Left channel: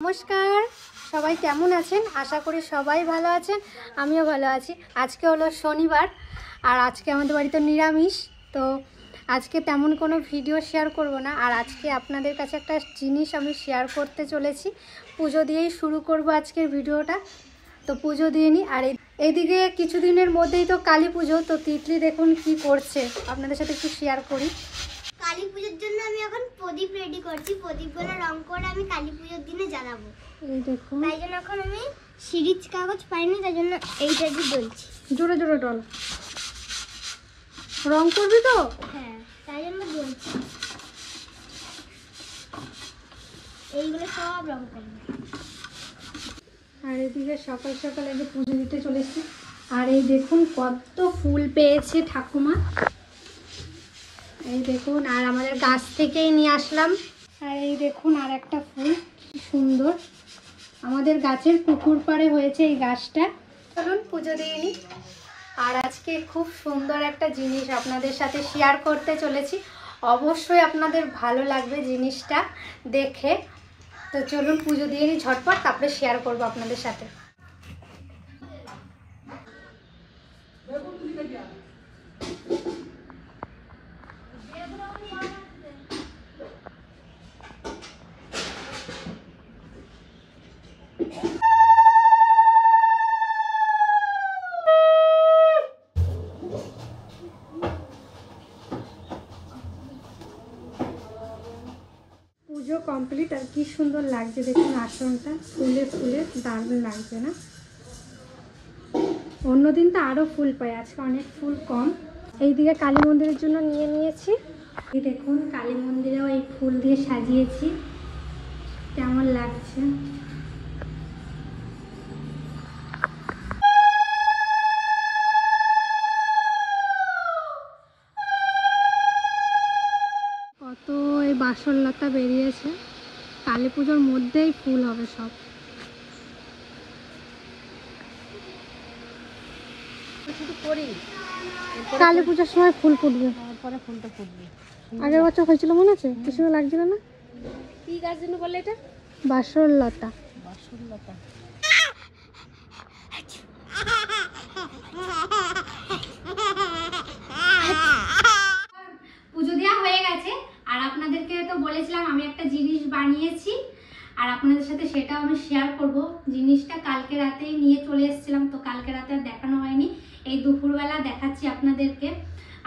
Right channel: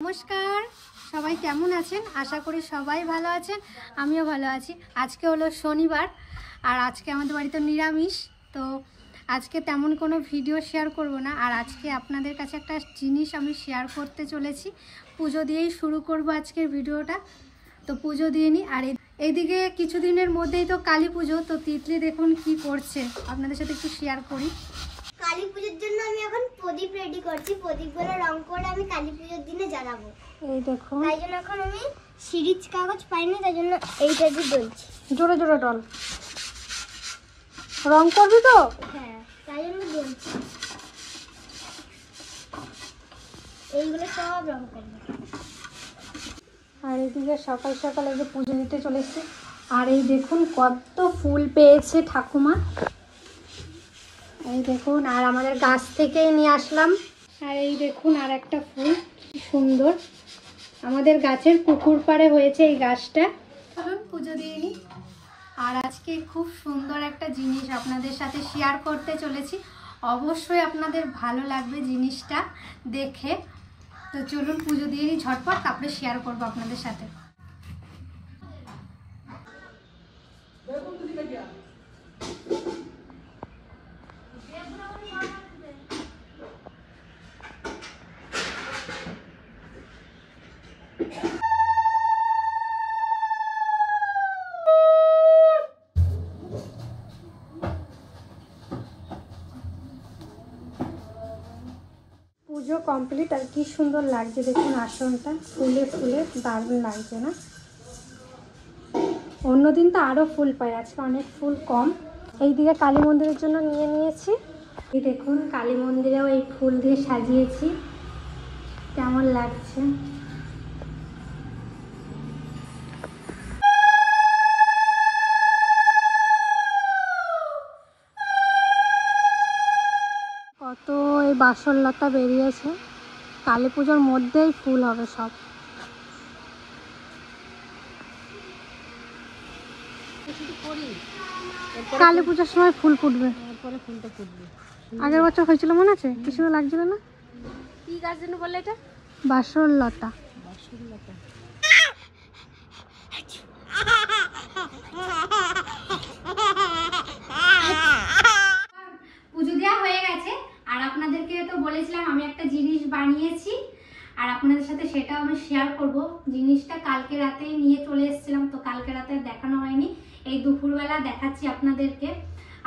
নমস্কার, সবাই কেমন আছেন? আশা করি সবাই ভালো আছেন, আমিও ভালো আছি। আজকে হলো শনিবার আর আজকে আমাদের বাড়িতে নিরামিষ। তো আজকে তেমন কোনো ভিডিও শেয়ার করব না। আর আজকে আপনাদের কাছে একটা জিনিস আমি শেয়ার করতে চলেছি। পুজো দিয়েই শুরু করব আজকের ভিডিওটা। তো পুজো দিয়ে নিই। আর এইদিকে কিছুদিনের মধ্যেই তো কালী পুজো। তো তিতলি দেখুন কি করছে, আপনাদের সাথে একটু শেয়ার করি। কালী পুজোর জন্য আমি এখন প্রদীপ রেডি করছি। প্রদীপগুলো রং করে আমি কালী পুজোর দিনে জ্বালাবো। এই দেখুন, তাই জন্য এখন আমি সিরিজ কাগজ পাইনি, তাই জন্য এইটা দিয়ে জ্বলছি। জোরে জোরে ডল। রং করবি তো? হ্যাঁ, তাই জন্য জ্বলছি। এইগুলো সব রং করবো। আর এদিকে সকাল সকাল এই যে পুজো দিতে চলেছি। আর এই দেখুন কত ফুল পেয়েছে ঠাকুমা, এই দেখুন। আর আমাদের গাছ থেকেই নিয়ে আসলাম। আর এই দেখুন আর একটা ফুল, কি সুন্দর। আমাদের গাছের পুকুর পাড়ে হয়েছে এই গাছটা। চলুন পুজো দিয়ে নিই। আর আজকে খুব সুন্দর একটা জিনিস আপনাদের সাথে শেয়ার করতে চলেছি। অবশ্যই আপনাদের ভালো লাগবে জিনিসটা দেখে। তো চলুন পুজো দিয়ে নিই ঝটপট, তারপরে শেয়ার করবো আপনাদের সাথে। পুজো কমপ্লিট। আর কি সুন্দর লাগছে দেখুন, আসনটা ফুলে ফুলে দারুণ লাগছে না? অন্যদিন তো আরও ফুল পাই, আজকে অনেক ফুল কম। এইদিকে কালী মন্দিরের জন্য নিয়ে নিয়েছি। এই দেখুন কালী মন্দিরেও এই ফুল দিয়ে সাজিয়েছি, কেমন লাগছে। কত এই বাসরলতা বেরিয়েছে, কালী পুজোর মধ্যেই ফুল হবে সব। কালী পুজোর সময় ফুল ফুটবে, ফুলটা ফুটবে। আগের বছর হয়েছিল মনে আছে? কি সুন্দর লাগছিল না? কি গাছ যেন বলে এটা? বাসরলতা। বাসরলতা। পুজো দেওয়া হয়ে গেছে। আর আপনাদেরকে তো বলেছিলাম আমি একটা জিনিস বানিয়েছি, আর আপনাদের সাথে সেটা আমি শেয়ার করব। জিনিসটা কালকে রাতেই নিয়ে চলে এসেছিলাম, তো কালকে রাতে আর দেখানো হয়নি। এই দুপুরবেলা দেখাচ্ছি আপনাদেরকে।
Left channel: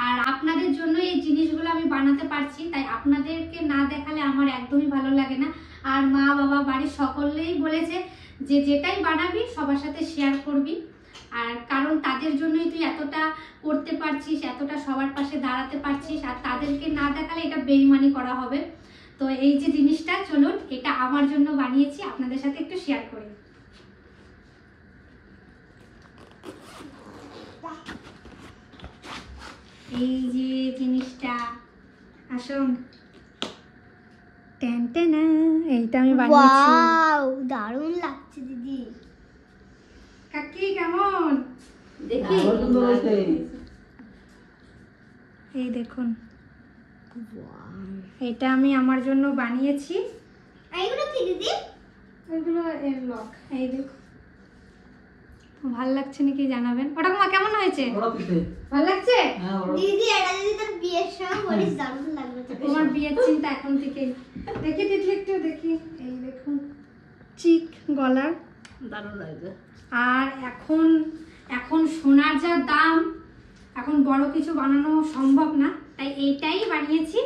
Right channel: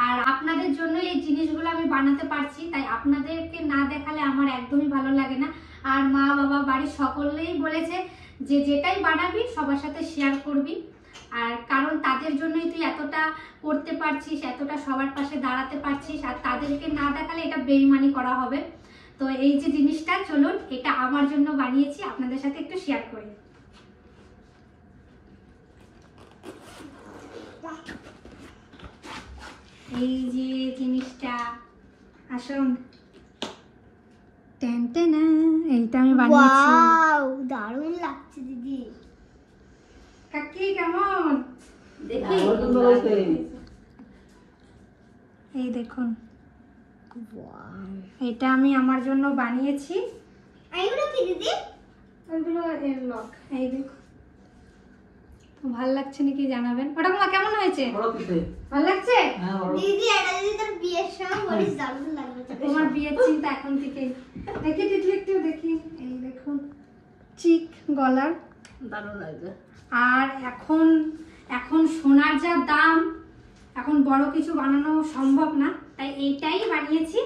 আর আপনাদের জন্য এই জিনিসগুলো আমি বানাতে পারছি, তাই আপনাদেরকে না দেখালে আমার একদমই ভালো লাগে না। আর মা বাবা বাড়ির সকলেই বলেছে যে যেটাই বানাবি সবার সাথে শেয়ার করবি। আর কারণ তাদের জন্যই তুই এতটা করতে পারছিস, এতটা সবার পাশে দাঁড়াতে পারছিস, আর তাদেরকে না দেখালে এটা বেইমানি করা হবে। তো এই যে জিনিসটা, চলুন এটা আমার জন্য বানিয়েছি, আপনাদের সাথে একটু শেয়ার করি। এই যে জিনিসটা, আসুন। টেন টেন, এইটা আমি বানিয়েছি। ওয়াও, দারুণ লাগছে দিদি। কাকি কেমন দেখি? এই দেখুন, এটা আমি আমার জন্য বানিয়েছি। এইগুলো কি দিদি? ওইগুলো এর লক। এই দেখো, ভালো লাগছে নাকি জানাবেন। ওটা মা কেমন হয়েছে? ভালো লাগছে দিদি? এটা যদি তোর বিয়ের সময় বলিস দারুণ লাগবে। তোমার বিয়ের চিন্তা এখন থেকে। দেখি দেখি একটু দেখি। এই দেখুন চিক গলার, দারুণ লাগবে। আর এখন সোনার যা দাম, এখন বড় কিছু বানানো সম্ভব না, তাই এইটাই বানিয়েছি।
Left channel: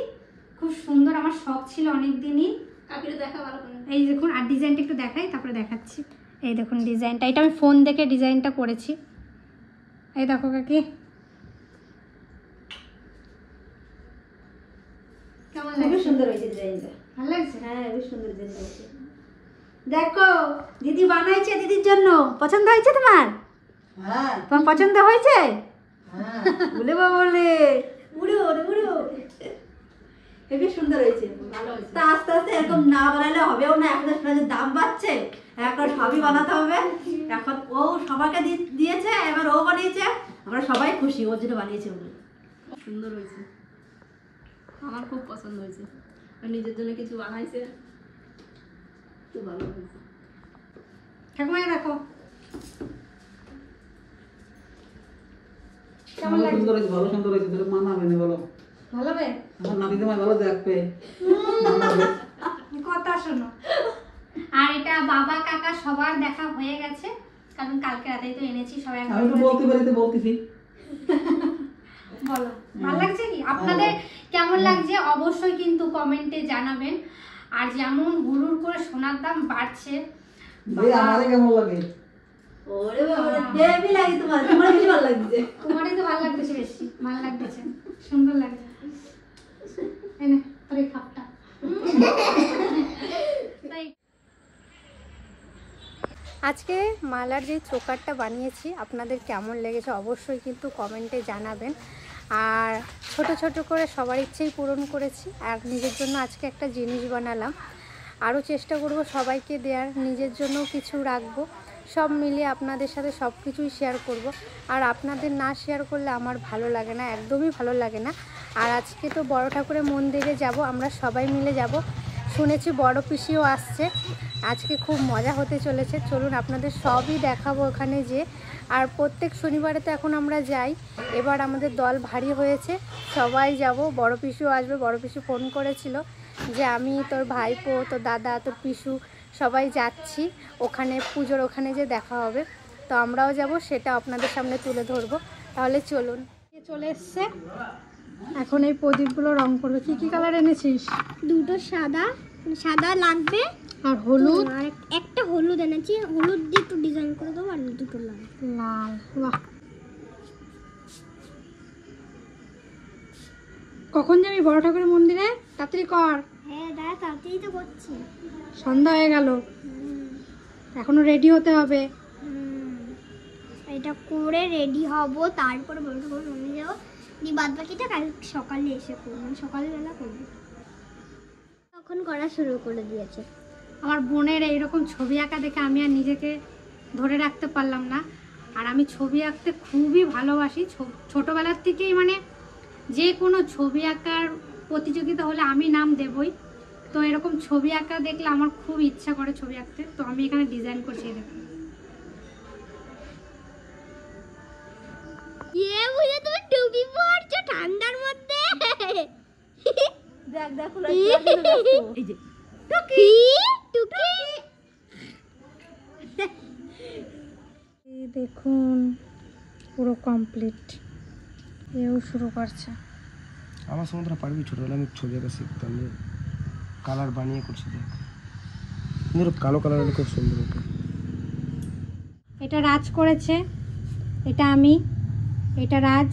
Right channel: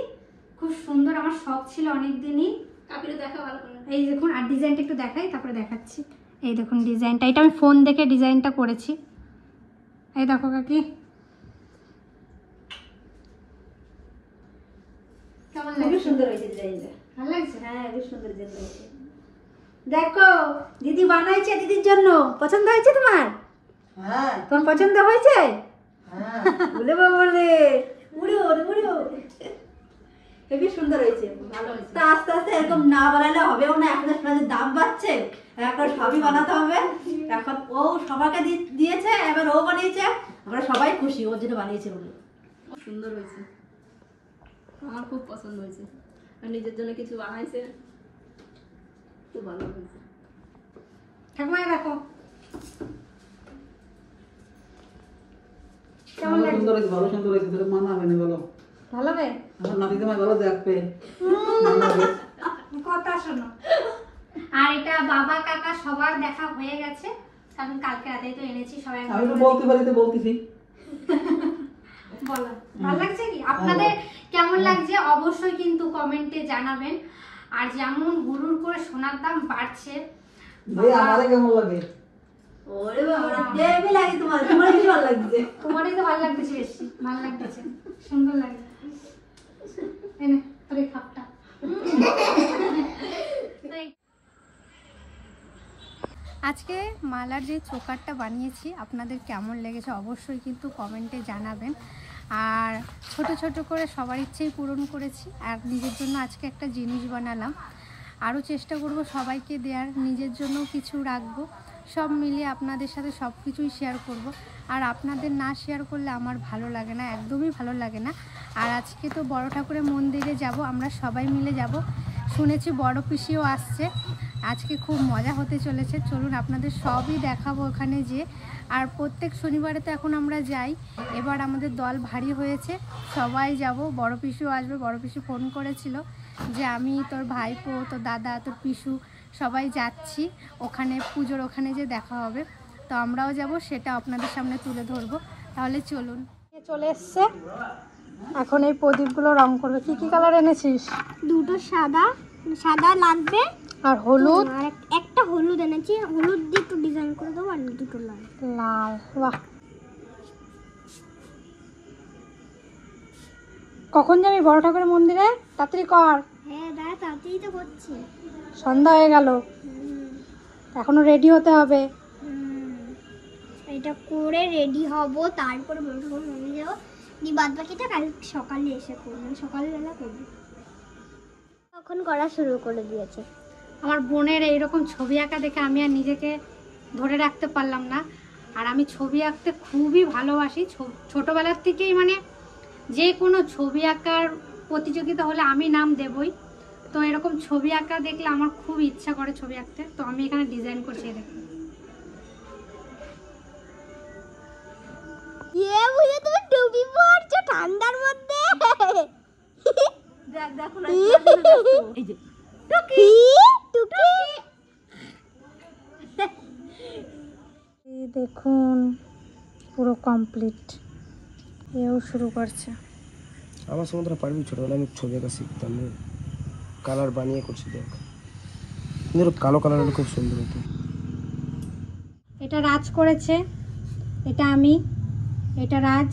খুব সুন্দর, আমার শখ ছিল অনেক দিনই। কাকিরে দেখা ভালো করে। এই দেখুন, আর ডিজাইনটা একটু দেখাই তারপরে দেখাচ্ছি। এই দেখুন ডিজাইনটা, এটা আমি ফোন দেখে ডিজাইনটা করেছি। এই দেখো কাকি, কেমন লাগছে? সুন্দর হয়েছে ডিজাইনটা। ভালো লাগছে? হ্যাঁ, বেশ সুন্দর ডিজাইন হয়েছে। দেখো দিদি বানাইছে দিদির জন্য। পছন্দ হয়েছে তোমার? হ্যাঁ তোমার পছন্দ হয়েছে? হ্যাঁ বলে বলে উড়ো উড়ো। হেবি সুন্দর হয়েছে, ভালো হয়েছে। তা আস্তে আস্তে এরকম না বানালে হবেও না। এখন সোনার দাম বাড়ছে, এখন সবই বানাতে হবে। এখন ও সবাইকে দিয়েছে, এবার ও বানিয়েছে, আমরা সবাই খুশি ওর জন্য বানিয়েছে বলে। সুন্দর হয়েছে, আমার খুব পছন্দ হয়েছে। আর নিজের জন্য কিছু বানাইছে, ঠাকুমাই রাখো। ভালো সুন্দর হয়েছে, ভালো সুন্দর হয়েছে, তোকে মানাবে না বলো? ভালো লাগে? আমার নাতি তোমায় ভালো দেখবে। কথা শোনো। আর এটা বাবা কাকা সবার দেখা হয়ে গেছে, কারণ কালকে রাতেই তো এনেছি সবাই। আমি তো বলতে পারি তো বলতেছি। বলো ভালো লাগছে কি? আপনাদের কেমন লাগছে অবশ্যই কিন্তু কমেন্টে জানাবেন। আর যেমন হুড়ুর করে সোনার দাম বাড়ছে, আমাদের কেমন লাগে? ওরে বাবা দেবি লাগে তোমার, তোমার কি ভালো লাগছে? তোমারই তো ভালো লাগতেছে, বেশি ভালো লাগতেছে, সুন্দর লাগে। এনে তোর এই খাপটা। আজকে মালার যে চোকারটা বানিয়েছি আপনাদের কেমন লেগেছে অবশ্যই কিন্তু কমেন্টে জানাবেন। আর ছোট ছোট করে সবার ইচ্ছেই পূরণ করেছি, আর নিজের জন্য আজকে একটা জিনিস বানালাম। আরও চেষ্টা করব সবাইকে দেওয়ার, নিজের জন্যও কিছু রাখবো। সব মিলিয়ে আপনাদের সাথে সব কিছুই শেয়ার করব। আর আপনাদের না শেয়ার করলে আমার ভালো লাগে না, একদমই ভালো লাগে না। আর আজকে তো বড় ঠাকুরের মন্দিরে যাব, আমরা সবাই মিলে যাব। শুনেছি বড় পিসিও আসছে, আজকে খুব মজা হতে চলেছে। চলুন আপনাদের সবই দেখাবো ওখানে যে। আর প্রত্যেক শনিবারে তো এখন আমরা যাই, এবার আমাদের দল ভারী হয়েছে, সবাই যাব। বড় পিসিও আসবে, বড় পিসি ফোন করেছিল যে আমি, তোর ভাইপো, তোর দাদা, তোর পিসু সবাই যাচ্ছি ওখানে, পুজোর ওখানে যে দেখা হবে। তো আমরাও যাব, সেটা আপনাদের সামনে তুলে ধরবো। তাহলে চলুন। চলে এসছে, এখন এই প্রদীপগুলো রং করবে। কি কি কালার এনেছিস? দুটো সাদা, সাদা লাগবে, আর হলুদ, আর একটা হলুদ এনেছি। হলুদ দিয়ে একটু ডিজাইন করে দেবো, আর দুটো লাল। লাল। বাহ, কখন যাবি বড় ঠাকুরের মন্দিরে? তাড়াতাড়ি কর, হ্যাঁ দাদা তাড়াতাড়ি তো করছি। সন্ধ্যা হয়ে গেল, এখনো রেডি হতে হবে। এটা করে রেডি হব, তারপরে বড় ঠাকুর মন্দিরে যাবো। দিয়ে বাদ বাকিটা কাল সকালে এসে করবো, সকালবেলা করবো। তখন করা শুরু করে দিয়েছে। আমার বোনের এইরকম ছবি আঁকা দেখে আমি আর নিজেকে ধরে রাখতে পারলাম না। আর আমি ছবি আঁকতে খুবই ভালোবাসি, ছোটোবেলার থেকেই। মানে যে কোনো ছবি আঁকার প্রতিযোগিতা হলে আমি নাম দেবই। তো এরকম ছবি আঁকা দেখলে আমার খুব ইচ্ছা করে ছবি আঁকতে। তো আমি এখানে ডিজাইন করছি, দেখুন। বুঝে তুমি ডুবি পড়ছো ঠান্ডার মধ্যে। দেখ দেখ এই যে টুকি টুকি। দেখুন পুরো কমপ্লিট, এও শুরু করছে। আমার সঙ্গে তোরা পারবি? ছোটবেলায় আমি ছবি আঁকা শিখতাম, কালার বানিয়ে করছি। দেখ কিন্তু কালো কালারগুলো খুব সুন্দর হতো। এটা রাজ করেছে, এটা আমি, এটা রাজ,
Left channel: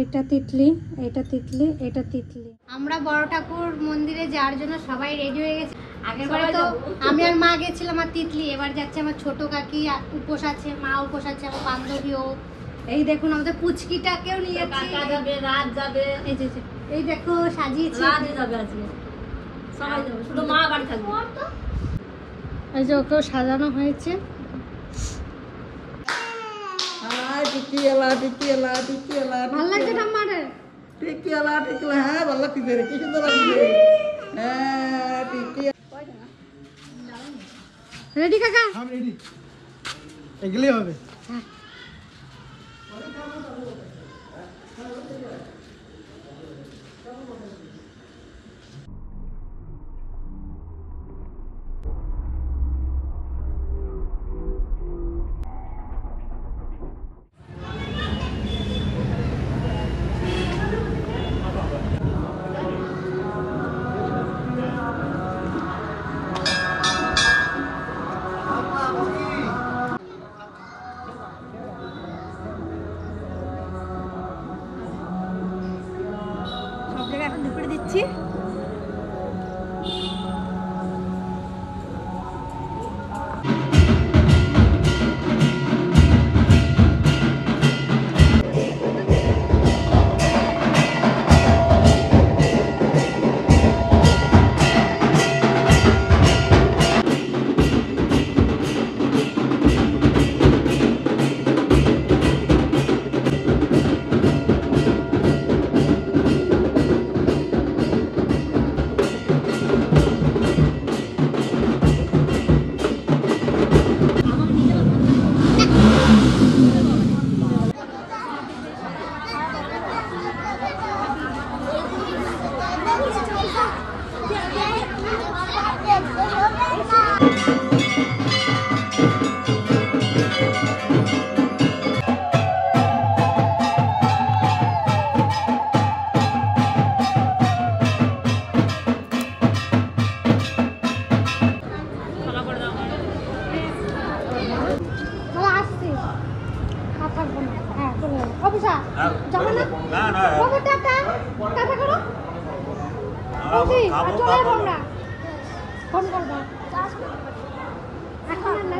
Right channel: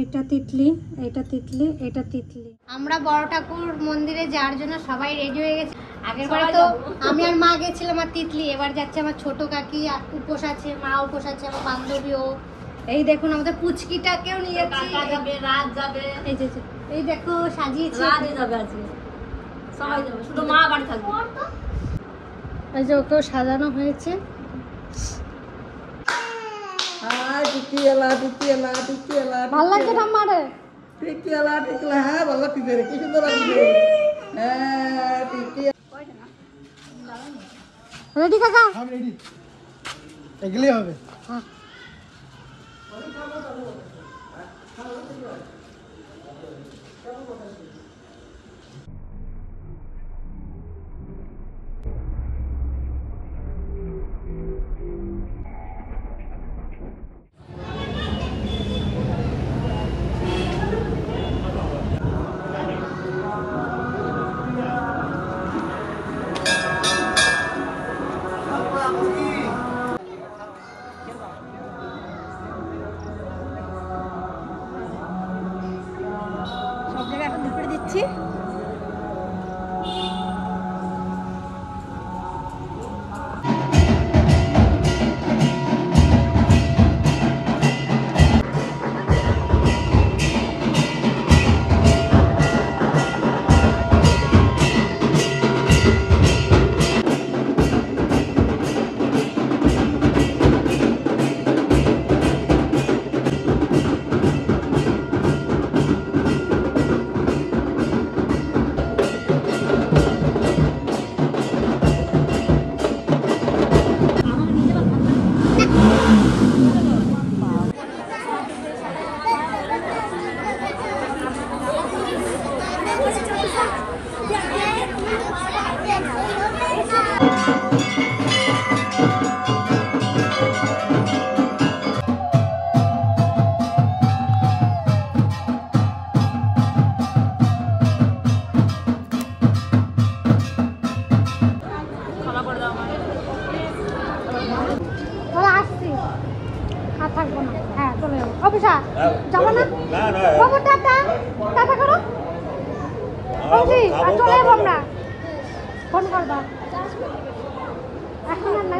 এটা তিতলি, এটা তিতলি, এটা তিতলি। আমরা বড় ঠাকুর মন্দিরে যাওয়ার জন্য সবাই রেডি হয়ে গেছে। আগের বারে তো আমি আর মা গেছিলাম আর তিতলি, এবার যাচ্ছে আমার ছোট কাকি, উপোস আছে, মা উপোস আছে, আমার বান্ধবীও। এই দেখুন আমাদের পুচকিটাকেও নিয়ে যাচ্ছি। রাত যাবে, এই যে এই দেখো সাজিয়েছি, রাত যাবে আজকে, সবাই যাবে, শুধু মা বাড়ি থাকবে। এই যে ওকেও সাজানো হয়েছে। টিকিয়ালা টিকিয়ালা টিকিয়ালা, ভালো লাগছে ঠাম্মারে? টিকিয়ালা টিকিয়ালা, হ্যাঁ ভালো লাগছে রে, কি সুন্দর লাগছে। হ্যাঁ টিকিয়া, রেডি কাকা? আমি রেডি, এগুলোই হবে।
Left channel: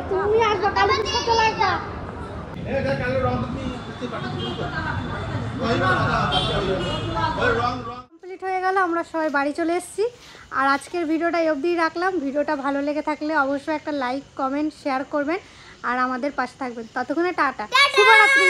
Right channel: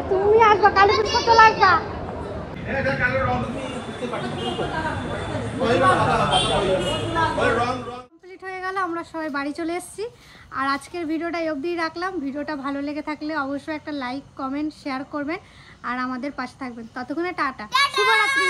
তুমি আসবা কালে চলে আসবা। কমপ্লিট হয়ে গেল, আমরা সবাই বাড়ি চলে এসেছি। আর আজকের ভিডিওটা এই অবধিই রাখলাম। ভিডিওটা ভালো লেগে থাকলে অবশ্যই একটা লাইক, কমেন্ট, শেয়ার করবেন আর আমাদের পাশে থাকবেন। ততক্ষণে টাটা, শুভরাত্রি।